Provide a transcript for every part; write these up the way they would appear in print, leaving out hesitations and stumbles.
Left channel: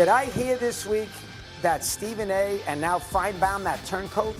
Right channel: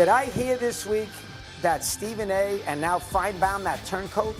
Did I hear this week that Stephen A. and now Feinbaum, that turncoat,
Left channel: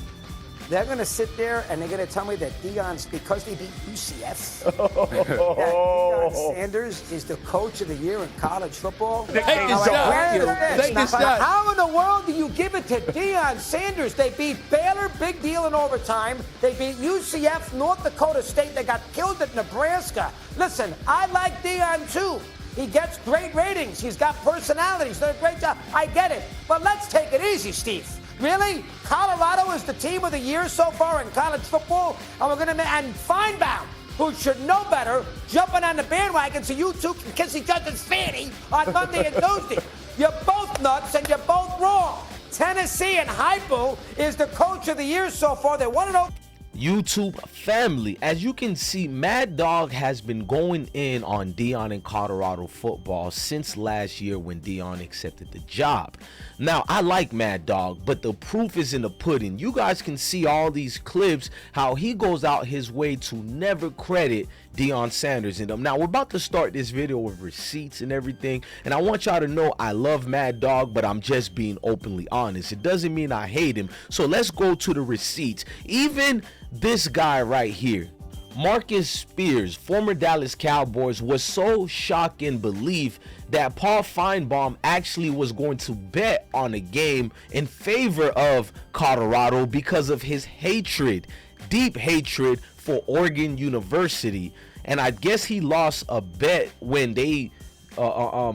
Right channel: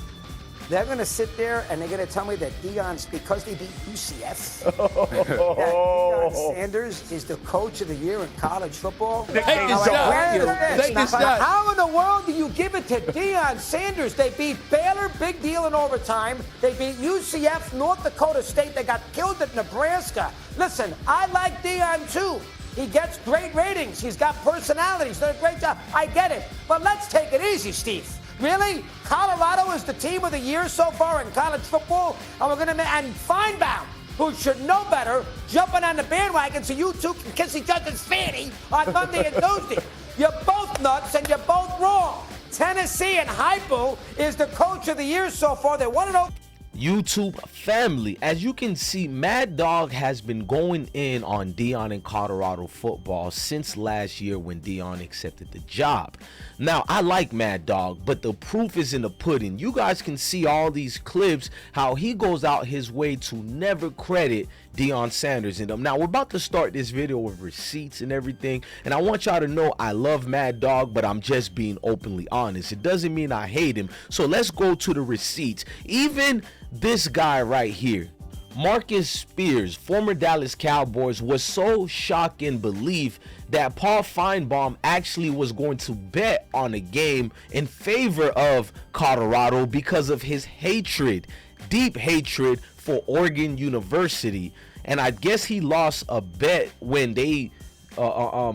they're going to sit there and they're going to tell me that Deion's, because they beat UCF, that Deion Sanders is the coach of the year in college football? Take this shot. How in the world do you give it to Deion Sanders? They beat Baylor, big deal in overtime. They beat UCF, North Dakota State. They got killed at Nebraska. Listen, I like Deion too. He gets great ratings. He's got personality. He's done a great job. I get it. But let's take it easy, Steve. Really? Colorado is the team of the year so far in college football? And we're going to and Feinbaum, who should know better, jumping on the bandwagon so you two can kiss each other's fanny on Monday and Tuesday. You're both nuts and you're both wrong. Tennessee and Hypo is the coach of the year so far. They're 1-0. YouTube family, as you can see, Mad Dog has been going in on Deion in Colorado football since last year when Deion accepted the job. Now, I like Mad Dog, but the proof is in the pudding. You guys can see all these clips, how he goes out his way to never credit Deion Sanders in them. Now, we're about to start this video with receipts and everything, and I want y'all to know I love Mad Dog, but I'm just being openly honest. It doesn't mean I hate him. So let's go to the receipts. Even this guy right here, Marcus Spears, former Dallas Cowboys, was so shocked in belief that Paul Feinbaum actually was going to bet on a game in favor of Colorado because of his hatred, deep hatred for Oregon University. And I guess he lost a bet when they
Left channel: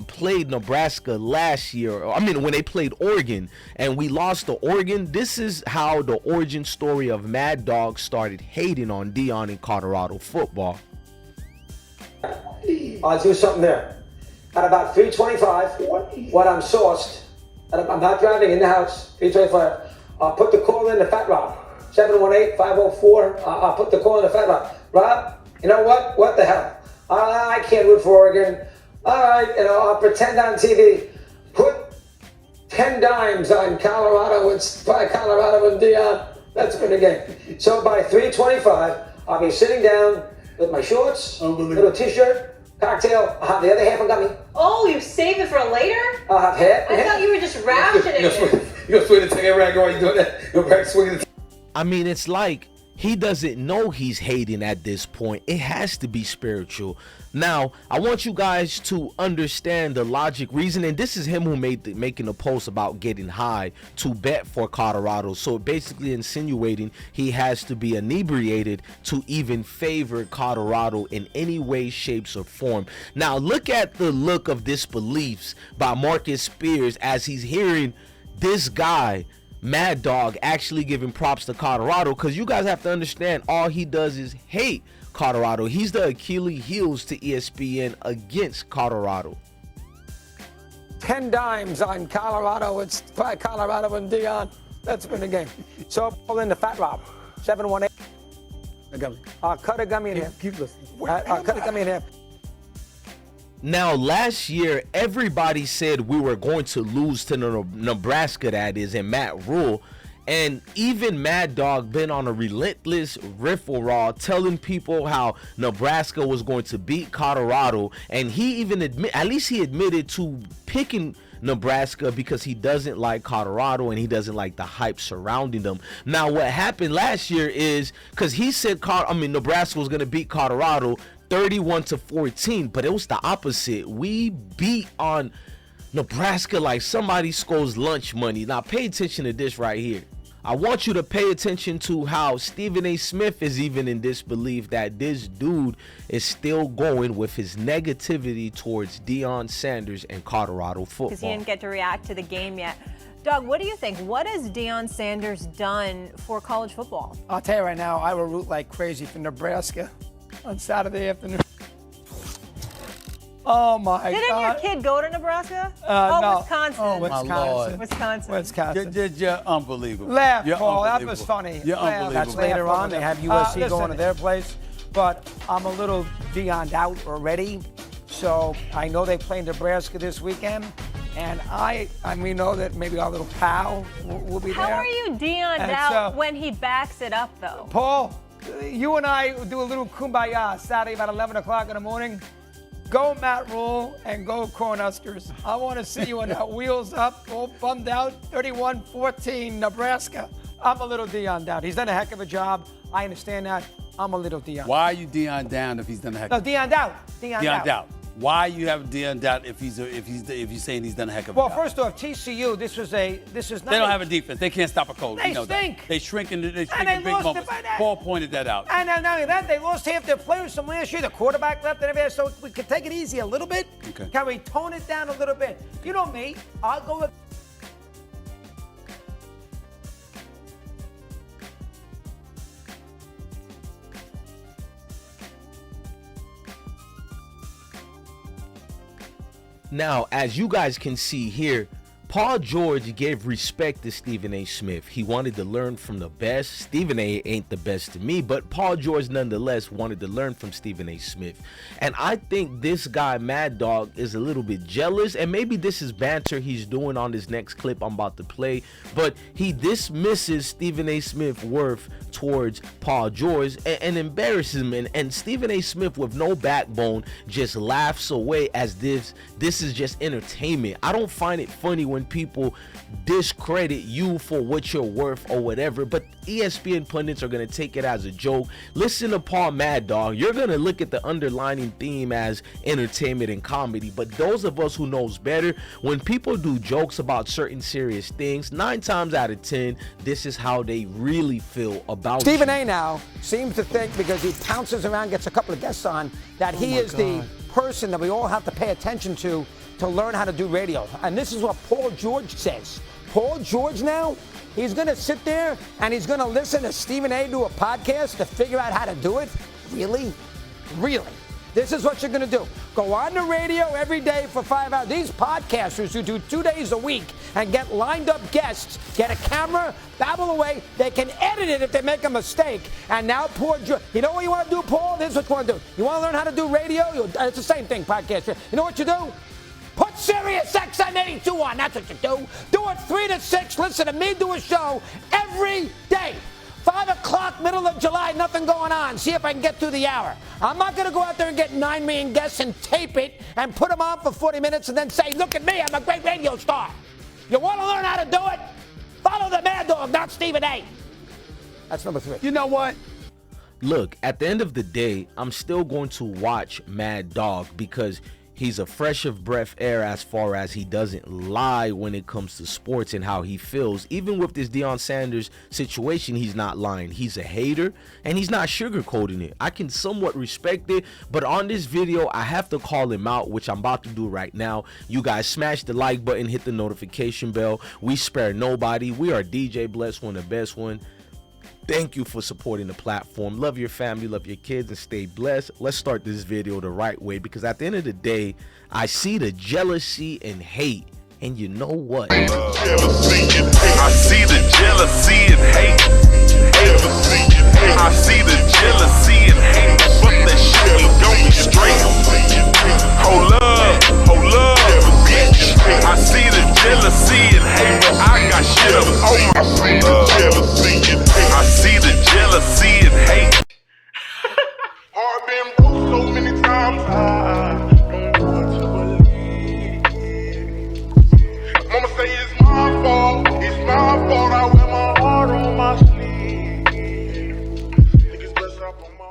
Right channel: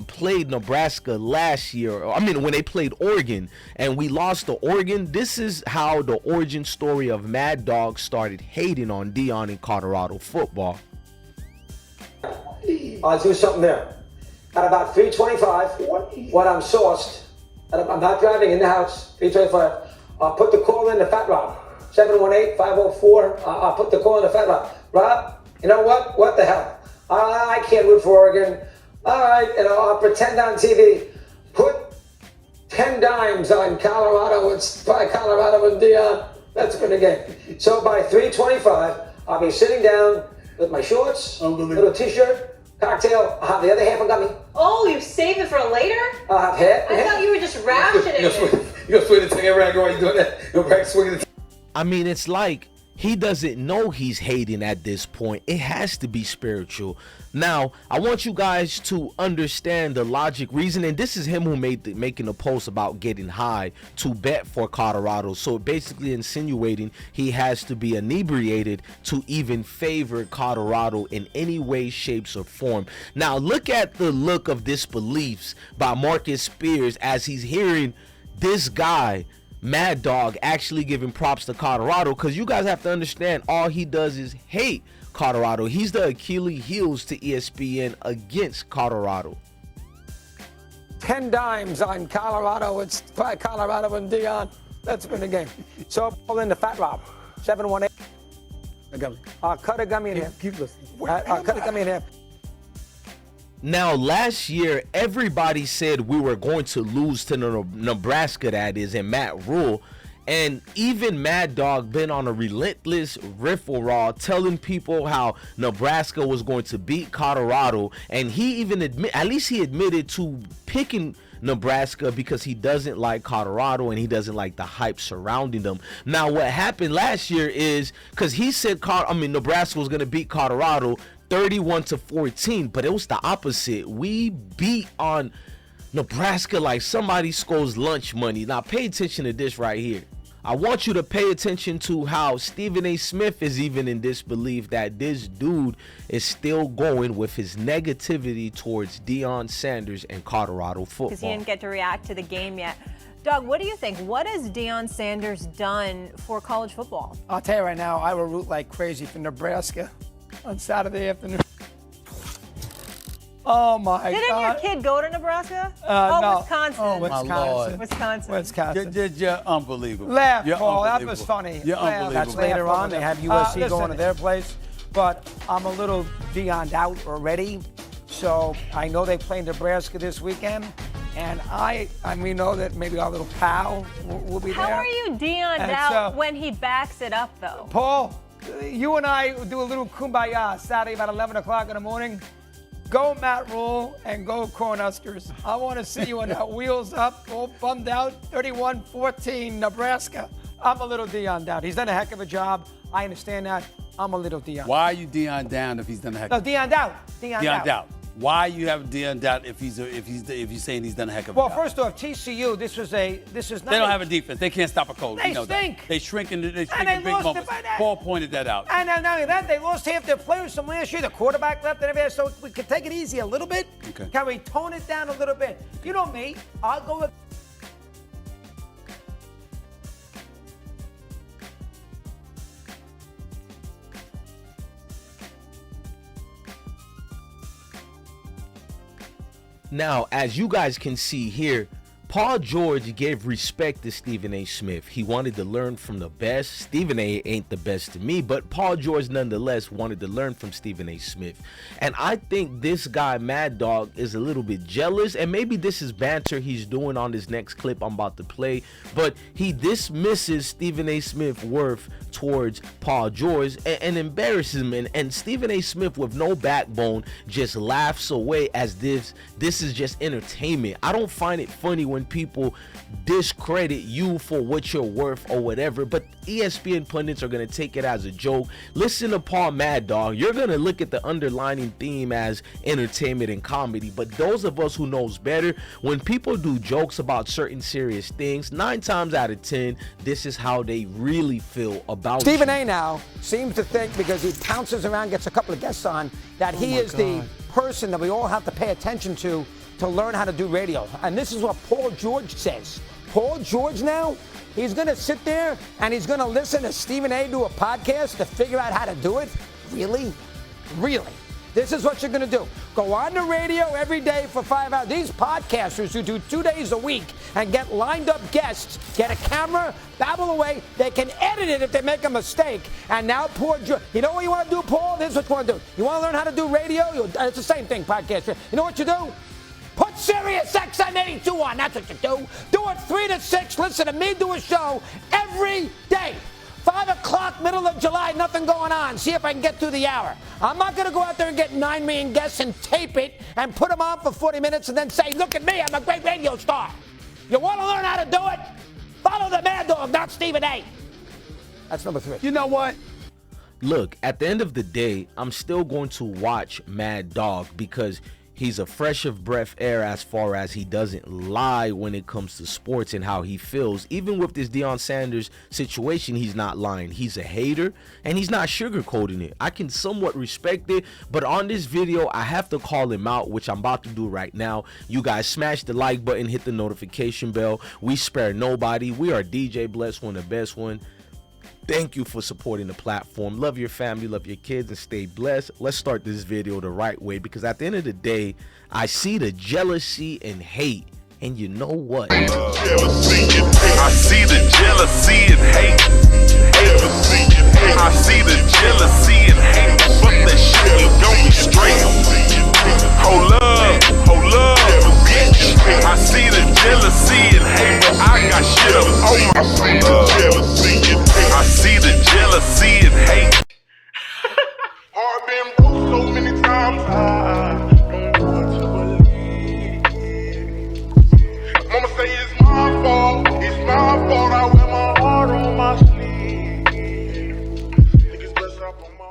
played Nebraska last year. I mean, when they played Oregon and we lost to Oregon. This is how the origin story of Mad Dog started hating on Deion in Colorado football. I'll do something there. At about 3:25, when I'm sourced, and I'm not driving in the house, 3:25, I'll put the call in the Fat Rob, 718-504. I'll put the call in the Fat Rob. Rob, you know what? What the hell? I can't root for Oregon. All right, I'll pretend on TV. Put 10 dimes on Colorado. It's by Colorado and Deion. That's been the game. So by 3:25, I'll be sitting down with my shorts, little t-shirt, cocktail. I'll have the other half of gummy. Oh, you save it for later? I'll have half. I thought you were just rationing it. You're gonna swing the thing around while you're doing that. You're back swinging the. I mean, it's like he doesn't know he's hating at this point. It has to be spiritual. Now, I want you guys to understand the logic reason, and this is him who making a post about getting high to bet for Colorado. So basically insinuating he has to be inebriated to even favor Colorado in any way, shapes, or form. Now, look at the look of disbeliefs by Marcus Spears as he's hearing this guy, Mad Dog, actually giving props to Colorado, because you guys have to understand all he does is hate Colorado. He's the Achilles heels to ESPN against Colorado. 10 dimes on Colorado. It's by Colorado and Deion. That's been the game. So pull in the Fat Rob, 718. A gummy. I'll cut a gummy in half. Keep listening. I'll cut a gummy in half. Now, last year, everybody said we were going to lose to Nebraska, that is, and Matt Rule. And even Mad Dog been on a relentless riff-a-raw telling people how Nebraska was going to beat Colorado. And he even admitted to picking Nebraska because he doesn't like Colorado and he doesn't like the hype surrounding them. Now, what happened last year is, because he said Nebraska was going to beat Colorado 31-14, but it was the opposite. We beat on Nebraska like somebody scores lunch money. Now, pay attention to this right here. I want you to pay attention to how Stephen A. Smith is even in disbelief that this dude is still going with his negativity towards Deion Sanders and Colorado football. Because he didn't get to react to the game yet. Doug, what do you think? What has Deion Sanders done for college football? I'll tell you right now, I will root like crazy for Nebraska on Saturday afternoon. Oh my God! Didn't your kid go to Nebraska? No. Wisconsin. Oh, Wisconsin. Wisconsin. You're unbelievable. Laugh, You're Paul. That unbelievable. was funny. You're unbelievable. That's later on. They have USC going to their place. But I'm a little Deion'd out already. So I know they play Nebraska this weekend. And we know that maybe our little pal will be there. How are you Deion'd out when he backs it up, though? Paul, you and I do a little kumbaya Saturday about 11 o'clock in the morning. Go Matt Rule and go Cornhuskers. I want to see you on that wheels up, all bummed out, 31-14 Nebraska. I'm a little Deion down. He's done a heck of a job. I understand that. I'm a little Deion. Why are you Deion down if he's done a heck of a job? No, Deion down. Deion down. Why you have Deion down if you're saying he's done a heck of a job? Well, first off, TCU, this is not. They don't have a defense. They can't stop a coach. They you know stink. That. They shrink in big lost moments. Paul pointed that out. And not only that, they lost half their players from last year. The quarterback left and everything. So we could take it easy a little bit. Okay. Can we tone it down a little bit? You know me. I'll go with. Now, as you guys can see here, Paul George gave respect to Stephen A. Smith. He wanted to learn from the best. Stephen A. ain't the best to me, but Paul George nonetheless wanted to learn from Stephen A. Smith. And I think this guy, Mad Dog, is a little bit jealous, and maybe this is banter he's doing on this next clip I'm about to play, but he dismisses Stephen A. Smith's worth towards Paul George and embarrasses him. And Stephen A. Smith, with no backbone, just laughs away as this is just entertainment. I don't find it funny when people discredit you for what you're worth or whatever, but ESPN pundits are going to take it as a joke. Listen to Paul Mad Dog. You're going to look at the underlining theme as entertainment and comedy, but those of us who knows better, when people do jokes about certain serious things, 9 times out of 10, this is how they really feel about Stephen you. A. now seems to think, because he pounces around, gets a couple of guests on, that he is the person that we all have to pay attention to learn how to do radio. And this is what Paul George says. Paul George now, he's going to sit there and he's going to listen to Stephen A. do a podcast to figure out how to do it? Really? Really? This is what you're going to do. Go on the radio every day for 5 hours. These podcasters who do 2 days a week and get lined up guests, get a camera, babble away. They can edit it if they make a mistake. And now Paul George, you know what you want to do, Paul? This is what you want to do. You want to learn how to do radio? It's the same thing, podcast. You know what you do? Put Sirius XM 82 on. That's what you do. Do it 3 to 6. Listen to me do a show every day. 5 o'clock, middle of July, nothing going on. See if I can get through the hour. I'm not going to go out there and get 9 million guests and tape it and put them on for 40 minutes and then say, look at me, I'm a great radio star. You want to learn how to do it? Follow the Mad Dog, not Stephen A. That's number 3. You know what? Look, at the end of the day, I'm still going to watch Mad Dog because he's a fresh of breath air as far as he doesn't lie when it comes to sports and how he feels. Even with this Deion Sanders situation, he's not lying. He's a hater and he's not sugarcoating it. I can somewhat respect it, but on this video, I have to call him out, which I'm about to do right now. You guys smash the like button, hit the notification bell. We spare nobody. We are DJ Bless One, the best one. Thank you for supporting the platform. Love your family, love your kids, and stay blessed. Let's start this video the right way, because at the end of the day, I see the jealousy and hate. And you know what? I see the jealousy and hate. I see the jealousy and hate. Fuck that shit, we gon' be straight. Hold up, bitch. I see the jealousy and hate, but I got shit up on my sleeve. I see the jealousy and hate. I've been broke so many times, I don't know what to believe. Mama say it's my fault, I wear my heart on my sleeve. Niggas bless up on my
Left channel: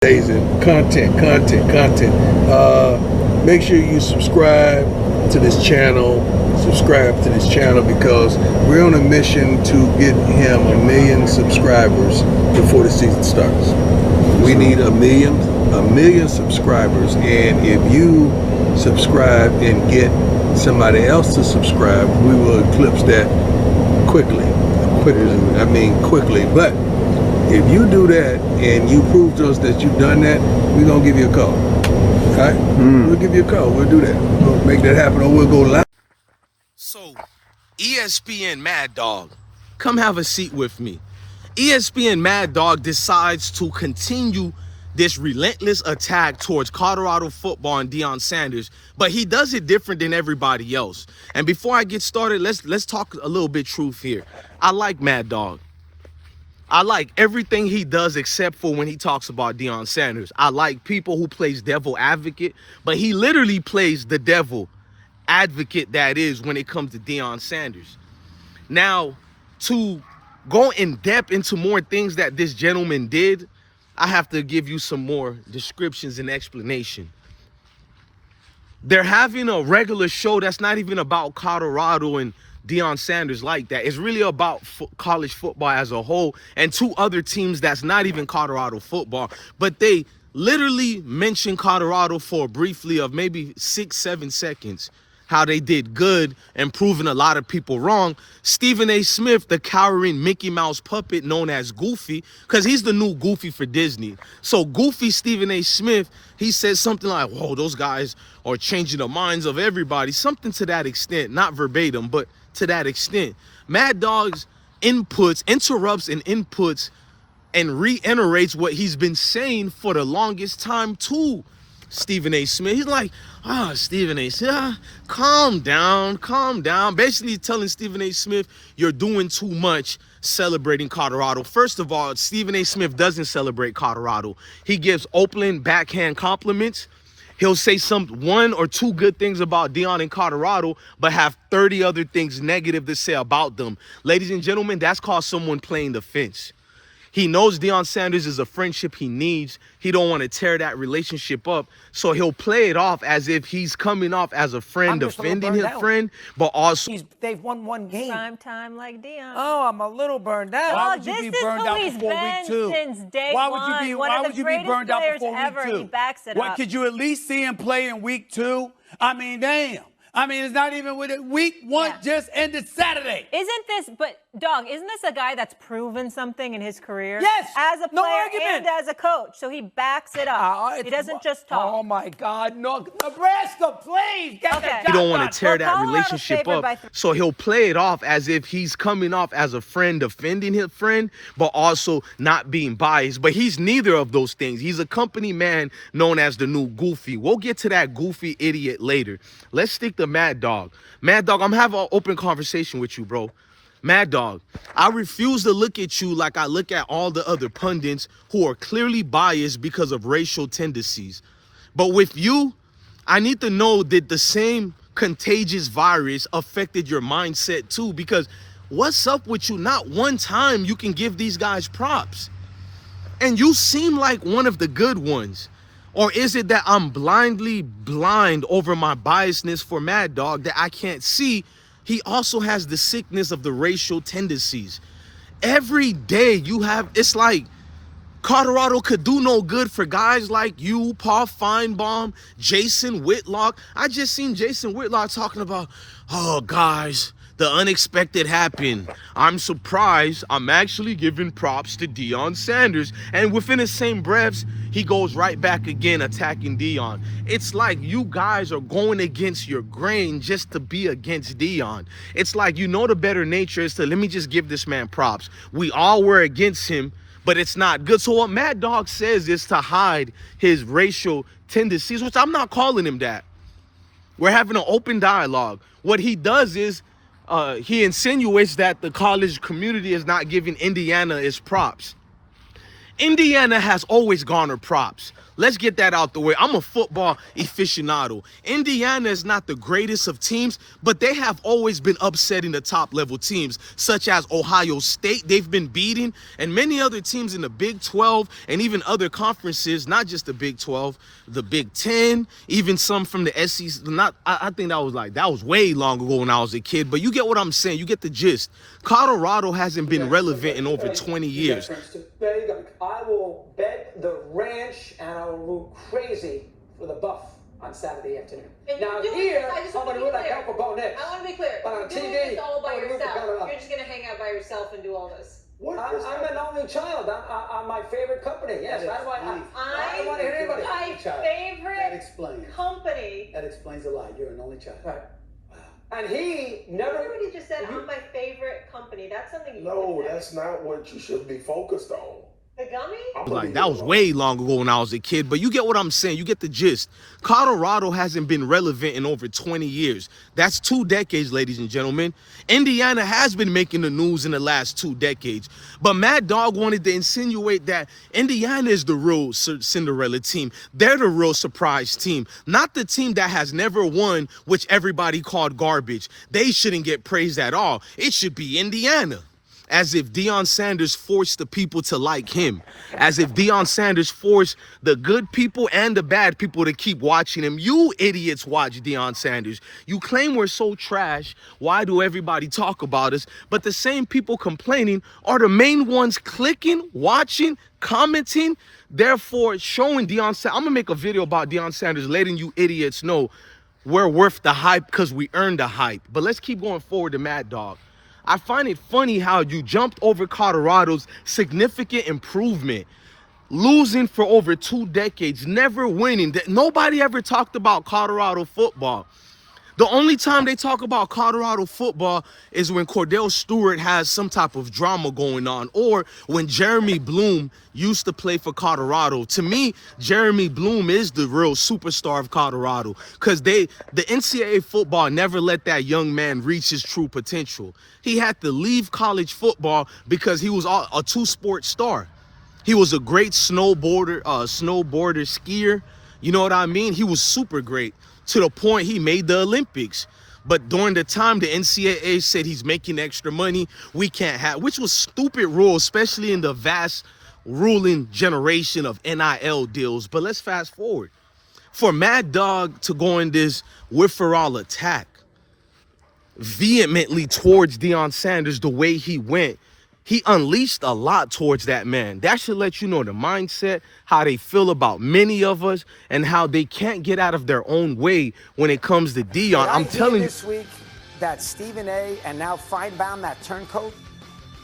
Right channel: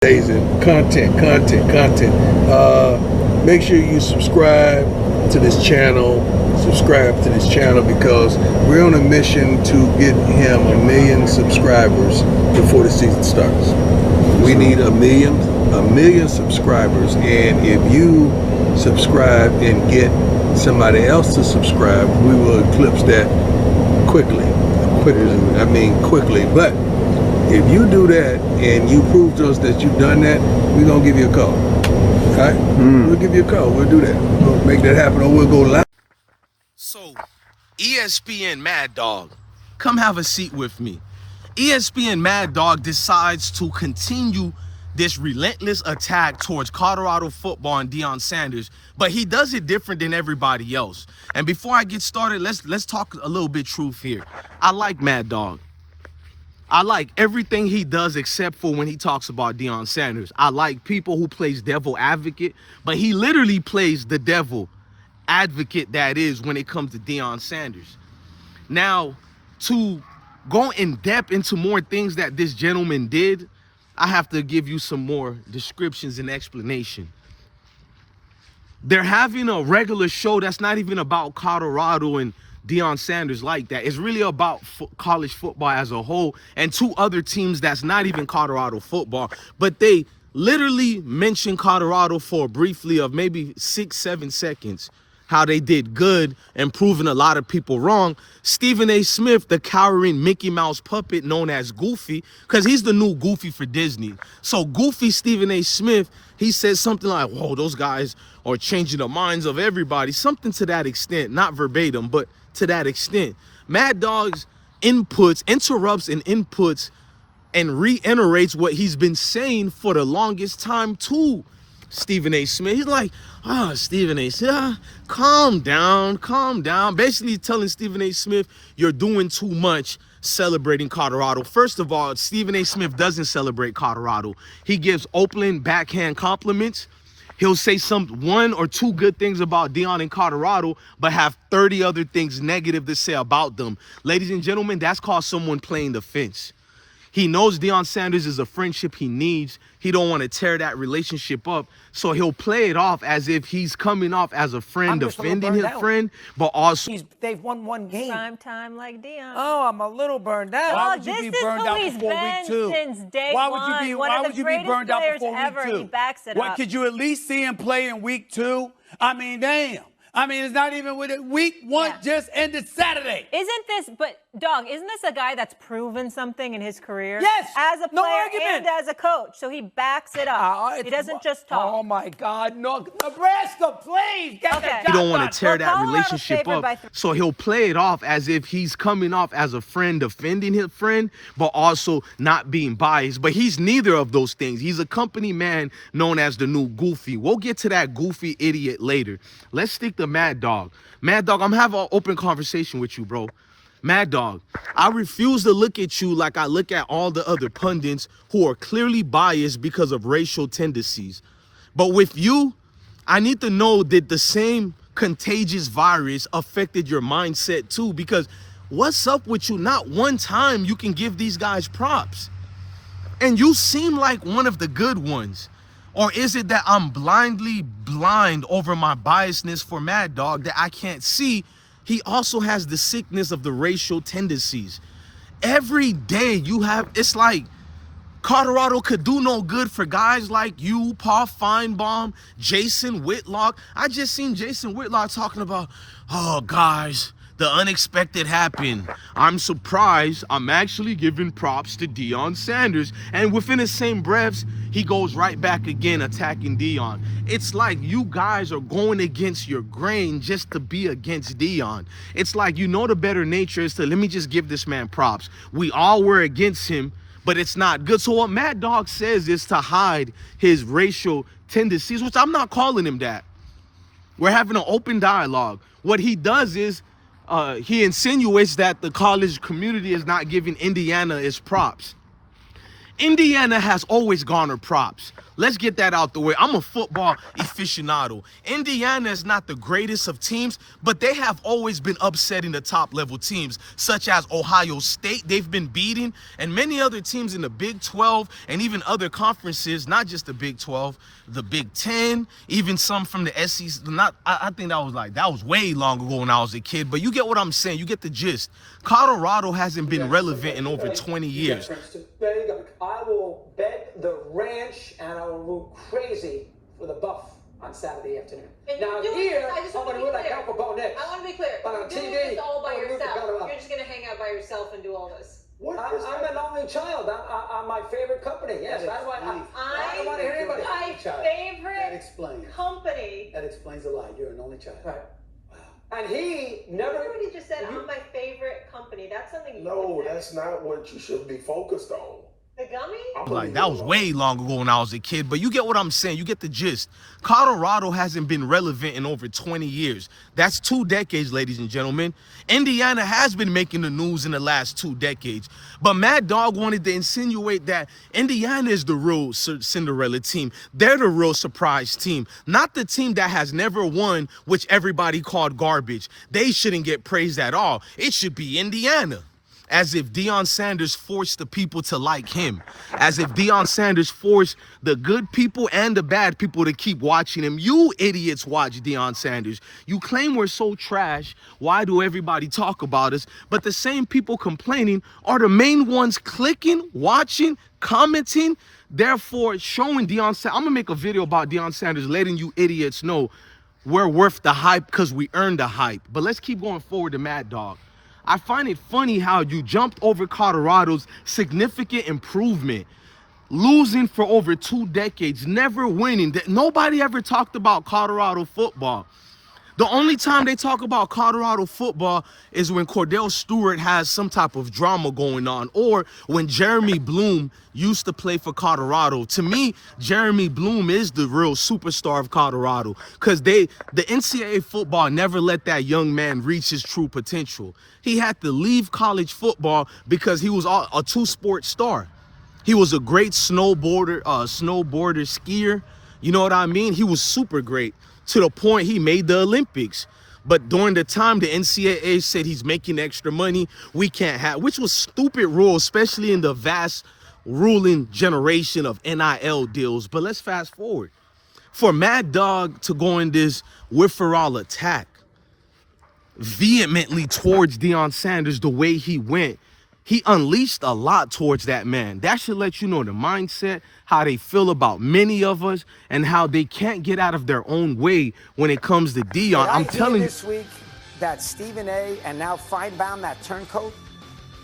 And content. Make sure you subscribe to this channel. Because we're on a mission to get him 1 million subscribers before the season starts. We need a million subscribers, and if you subscribe and get somebody else to subscribe, we will eclipse that quickly. But if you do that and you prove to us that you've done that, we're gonna give you a call. All right? We'll give you a call. We'll do that. We'll make that happen, or we'll go live. So, ESPN Mad Dog, come have a seat with me. ESPN Mad Dog decides to continue this relentless attack towards Colorado football and Deion Sanders, but he does it different than everybody else. And before I get started, let's talk a little bit truth here. I like Mad Dog. I like everything he does except for when he talks about Deion Sanders. I like people who plays devil advocate, but he literally plays the devil advocate that is when it comes to Deion Sanders. Now, to go in depth into more things that this gentleman did, I have to give you some more descriptions and explanation. They're having a regular show that's not even about Colorado and Deion Sanders like that. It's really about college football as a whole and two other teams that's not even Colorado football. But they literally mentioned Colorado for briefly of maybe 6-7 seconds, how they did good and proving a lot of people wrong. Stephen A. Smith, the cowering Mickey Mouse puppet known as Goofy, because he's the new Goofy for Disney. So Goofy Stephen A. Smith, he said something like, whoa, those guys are changing the minds of everybody. Something to that extent, not verbatim, but to that extent. Mad Dog's interrupts and inputs and reiterates what he's been saying for the longest time to Stephen A. Smith. He's like, Stephen A. Smith, calm down. Basically telling Stephen A. Smith, you're doing too much celebrating Colorado. First of all, Stephen A. Smith doesn't celebrate Colorado. He gives open backhand compliments. He'll say one or two good things about Deion in Colorado, but have 30 other things negative to say about them. Ladies and gentlemen, that's called someone playing the fence. He knows Deion Sanders is a friendship he needs. He don't want to tear that relationship up. So he'll play it off as if he's coming off as a friend, defending his friend, but also... They've won one game. Prime time like Deion. Oh, I'm a little burned out. Why would you be burned out before week 2? Since day why one. Why would you be burned out before week 2? He backs it What, up. could you at least see him play in week 2? I mean, damn. I mean, it's not even with it. Week 1 just ended Saturday. Isn't this a guy that's proven something in his career? Yes. As a No player argument. and as a coach. So he backs it up. He doesn't just talk. Oh, my God. No, Nebraska, please. Get that You don't want done. to tear that relationship up. So he'll play it off as if he's coming off as a friend, defending his friend, but also not being biased. But he's neither of those things. He's a company man known as the new Goofy. We'll get to that goofy idiot later. Let's stick to Mad Dog. Mad Dog, I'm having an open conversation with you, bro. Mad Dog, I refuse to look at you like I look at all the other pundits who are clearly biased because of racial tendencies. But with you, I need to know that the same contagious virus affected your mindset too, because what's up with you? Not one time you can give these guys props. And you seem like one of the good ones. Or is it that I'm blindly blind over my biasness for Mad Dog that I can't see? He also has the sickness of the racial tendencies. Every day it's like Colorado could do no good for guys like you, Paul Feinbaum, Jason Whitlock. I just seen Jason Whitlock talking about, oh, guys, the unexpected happened. I'm surprised. I'm actually giving props to Deion Sanders. And within the same breaths, he goes right back again attacking Deion. It's like you guys are going against your grain just to be against Deion. It's like, the better nature is to, let me just give this man props. We all were against him, but it's not good. So what Mad Dog says is to hide his racial tendencies, which I'm not calling him that. We're having an open dialogue. What he does is, he insinuates that the college community is not giving Indiana its props. Indiana has always garnered props. Let's get that out the way. I'm a football aficionado. Indiana is not the greatest of teams, but they have always been upsetting the top level teams, such as Ohio State. They've been beating, and many other teams in the Big 12 and even other conferences, not just the Big 12, the Big 10, even some from the SEC. I think that was way long ago when I was a kid, but you get what I'm saying. You get the gist. Colorado hasn't been relevant in over 20 years. I will bet the ranch and I will move crazy for the buff on Saturday afternoon. And now here, I'm going to move like Alpha Bo next. I want to be clear. But You're on doing TV, this all by I'm gonna move to yourself. Colorado. You're just going to hang out by yourself and do all this. I'm an only child. I'm my favorite company. Yes, I don't want to hear anybody. My favorite company. That explains a lot. You're an only child. Right. And he never. Remember what he just said? I'm my favorite company. That's something you No, would say. that's not what you should be focused on. The gummy? Like, that was way long ago when I was a kid, but you get what I'm saying. You get the gist. Colorado hasn't been relevant in over 20 years. That's 2 decades, ladies and gentlemen. Indiana has been making the news in the last 2 decades. But Mad Dog wanted to insinuate that Indiana is the real Cinderella team. They're the real surprise team, not the team that has never won, which everybody called garbage. They shouldn't get praised at all. It should be Indiana. As if Deion Sanders forced the people to like him. As if Deion Sanders forced the good people and the bad people to keep watching him. You idiots watch Deion Sanders. You claim we're so trash. Why do everybody talk about us? But the same people complaining are the main ones clicking, watching, commenting, therefore showing Deion Sanders. I'm going to make a video about Deion Sanders letting you idiots know we're worth the hype because we earned the hype. But let's keep going forward to Mad Dog. I find it funny how you jumped over Colorado's significant improvement, losing for over 2 decades, never winning. Nobody ever talked about Colorado football. The only time they talk about Colorado football is when Cordell Stewart has some type of drama going on, or when Jeremy Bloom used to play for Colorado. To me, Jeremy Bloom is the real superstar of Colorado, because the NCAA football never let that young man reach his true potential. He had to leave college football because he was a 2-sport star. He was a great snowboarder, skier. You know what I mean? He was super great, to the point he made the Olympics. But during the time the NCAA said he's making extra money, we can't have, which was stupid rule, especially in the vast ruling generation of NIL deals. But let's fast forward. For Mad Dog to go in this with-for-all attack vehemently towards Deion Sanders the way he went, he unleashed a lot towards that man. That should let you know the mindset, how they feel about many of us, and how they can't get out of their own way when it comes to Deion. I'm telling you. This week that Stephen A. and now Feinbaum, that turncoat,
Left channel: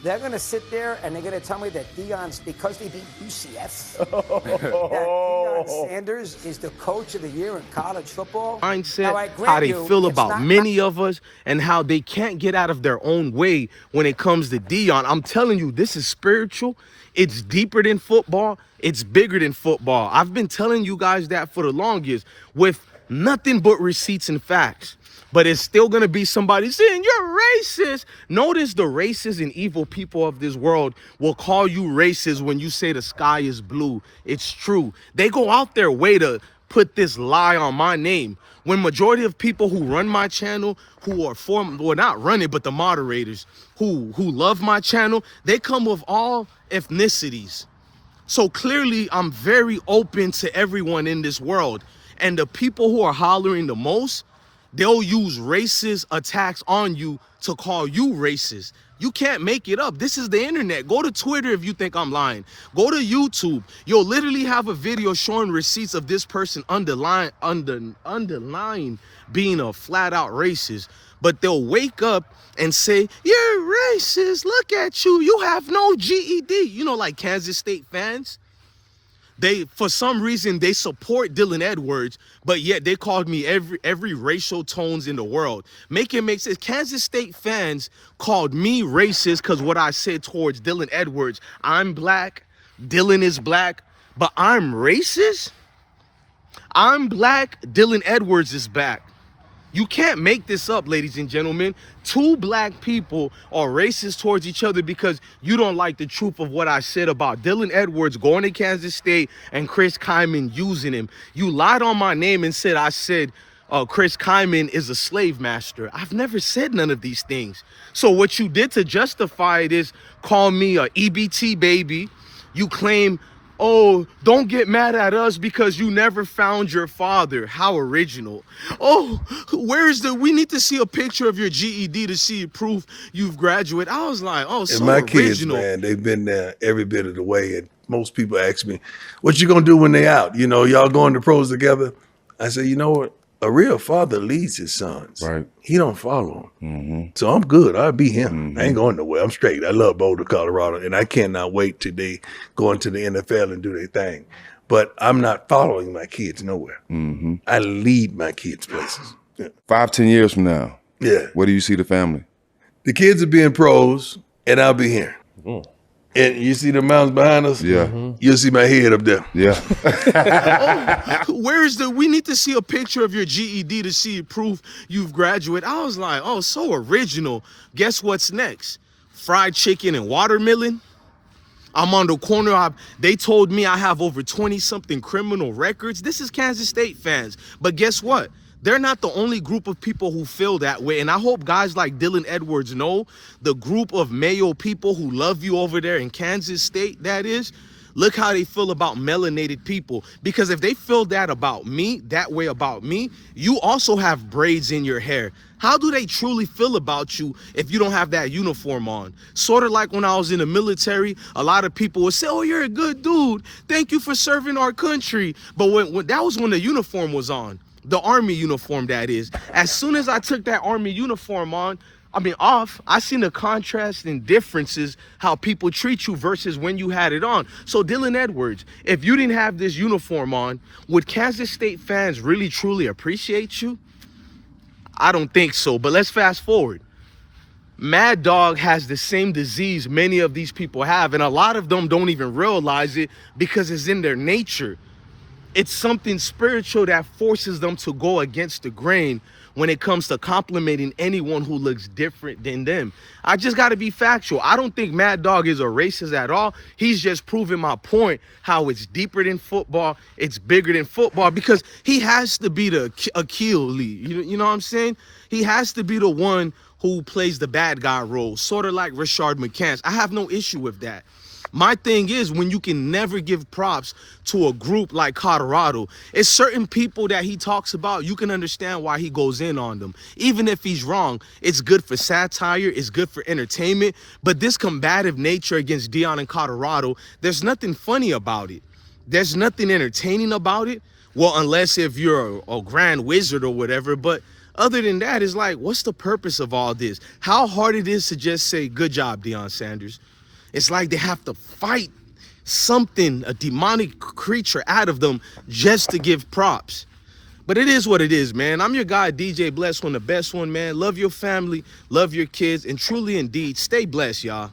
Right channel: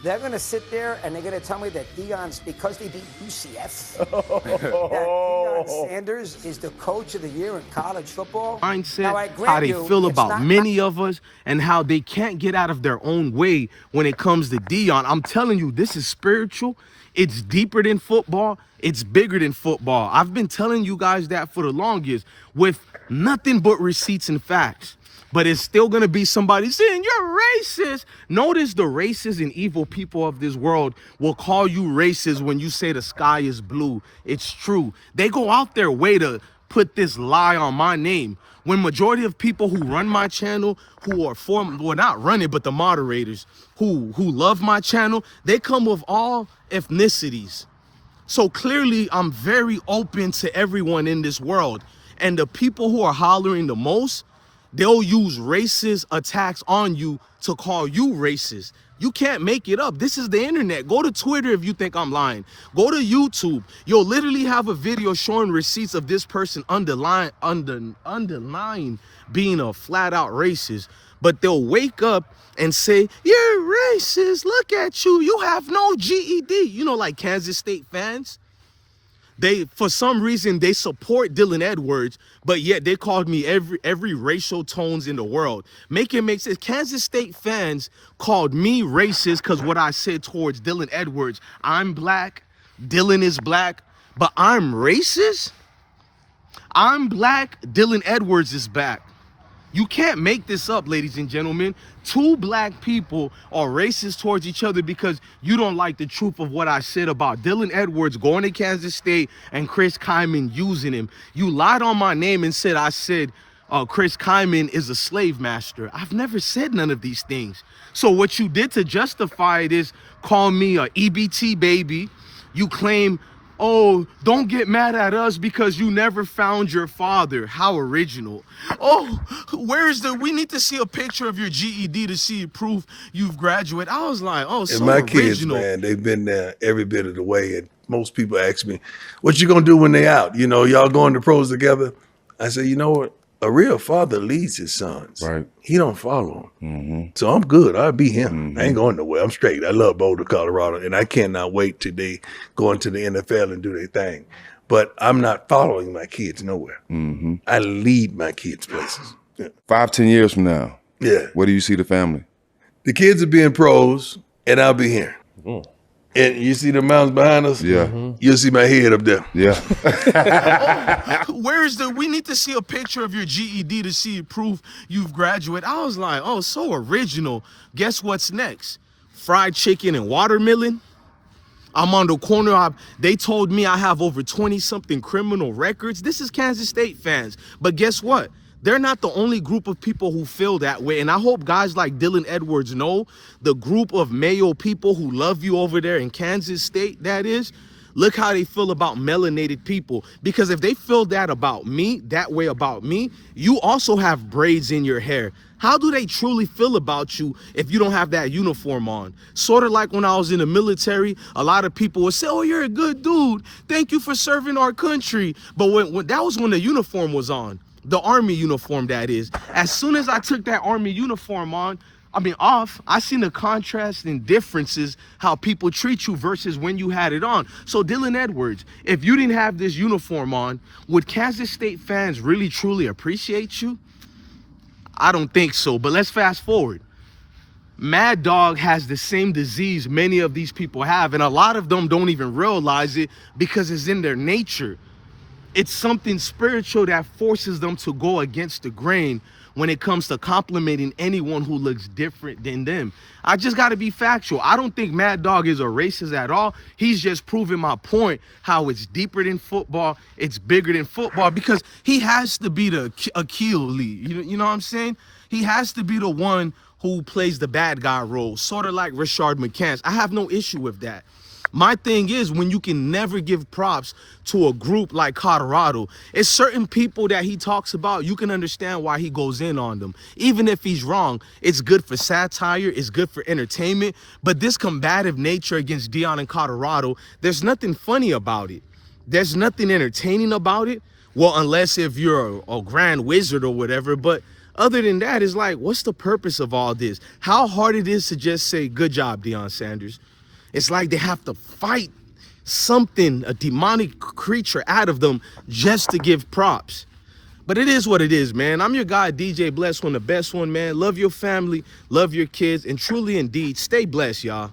they're going to sit there and they're going to tell me that Deion's, because they beat UCF, that Deion Sanders is the coach of the year in college football. Mindset, how they feel about many of us, and how they can't get out of their own way when it comes to Deion. I'm telling you, this is spiritual. It's deeper than football. It's bigger than football. I've been telling you guys that for the longest with nothing but receipts and facts. But it's still going to be somebody saying, you're racist. Notice the racist and evil people of this world will call you racist when you say the sky is blue. It's true. They go out their way to put this lie on my name. When majority of people who run my channel, who are well, not run it, but the moderators who love my channel, they come with all ethnicities. So clearly, I'm very open to everyone in this world. And the people who are hollering the most, they'll use racist attacks on you to call you racist. You can't make it up. This is the internet. Go to Twitter if you think I'm lying. Go to YouTube. You'll literally have a video showing receipts of this person underlying being a flat out racist. But they'll wake up and say, you're racist. Look at you. You have no GED. You know, like Kansas State fans. They, for some reason, they support Dylan Edwards, but yet they called me every racial tones in the world. Make it make sense. Kansas State fans called me racist because what I said towards Dylan Edwards. I'm black, Dylan is black, but I'm racist? I'm black, Dylan Edwards is black. You can't make this up, ladies and gentlemen. 2 black people are racist towards each other because you don't like the truth of what I said about Dylan Edwards going to Kansas State and Chris Kyman using him. You lied on my name and said I said Chris Kyman is a slave master. I've never said none of these things. So what you did to justify it is call me a EBT baby. You claim, oh, don't get mad at us because you never found your father. How original. Oh, we need to see a picture of your GED to see proof you've graduated. I was like, oh, so and my original. kids, man, they've been there every bit of the way. And most people ask me, what you gonna do when they out? You know, y'all going to pros together? I say, you know what? A real father leads his sons. Right. He don't follow them. So I'm good. I'll be him. I ain't going nowhere. I'm straight. I love Boulder, Colorado, and I cannot wait till they go into the NFL and do their thing. But I'm not following my kids nowhere. I lead my kids places. Yeah. 5-10 years from now. Yeah. Where do you see the family? The kids are being pros, and I'll be here. And you see the mountains behind us? Yeah. You'll see my head up there. Yeah. Where's the, we need to see a picture of your GED to see proof you've graduated. I was like, oh, so original. Guess what's next? Fried chicken and watermelon? I'm on the corner. They told me I have over 20-something criminal records. This is Kansas State fans. But guess what? They're not the only group of people who feel that way. And I hope guys like Dylan Edwards know the group of Mayo people who love you over there in Kansas State, that is. Look how they feel about melanated people. Because if they feel that about me, that way about me, you also have braids in your hair. How do they truly feel about you if you don't have that uniform on? Sort of like when I was in the military, a lot of people would say, oh, you're a good dude. Thank you for serving our country. But when that was when the uniform was on. The Army uniform, that is. As soon as I took that Army uniform off, I seen the contrast and differences how people treat you versus when you had it on. So Dylan Edwards, if you didn't have this uniform on, would Kansas State fans really truly appreciate you? I don't think so, but let's fast forward. Mad Dog has the same disease many of these people have, and a lot of them don't even realize it because it's in their nature. It's something spiritual that forces them to go against the grain when it comes to complimenting anyone who looks different than them. I just got to be factual. I don't think Mad Dog is a racist at all. He's just proving my point, how it's deeper than football, it's bigger than football, because he has to be the Achilles. You know what I'm saying? He has to be the one who plays the bad guy role, sort of like Rashard McCants. I have no issue with that. My thing is, when you can never give props to a group like Colorado, it's certain people that he talks about, you can understand why he goes in on them. Even if he's wrong, it's good for satire, it's good for entertainment, but this combative nature against Deion and Colorado, there's nothing funny about it. There's nothing entertaining about it. Well, unless if you're a grand wizard or whatever, but other than that, it's like, what's the purpose of all this? How hard it is to just say, good job, Deion Sanders. It's like they have to fight something, a demonic creature out of them just to give props. But it is what it is, man. I'm your guy, DJ Bless One, the best one, man. Love your family, love your kids, and truly indeed, stay blessed, y'all.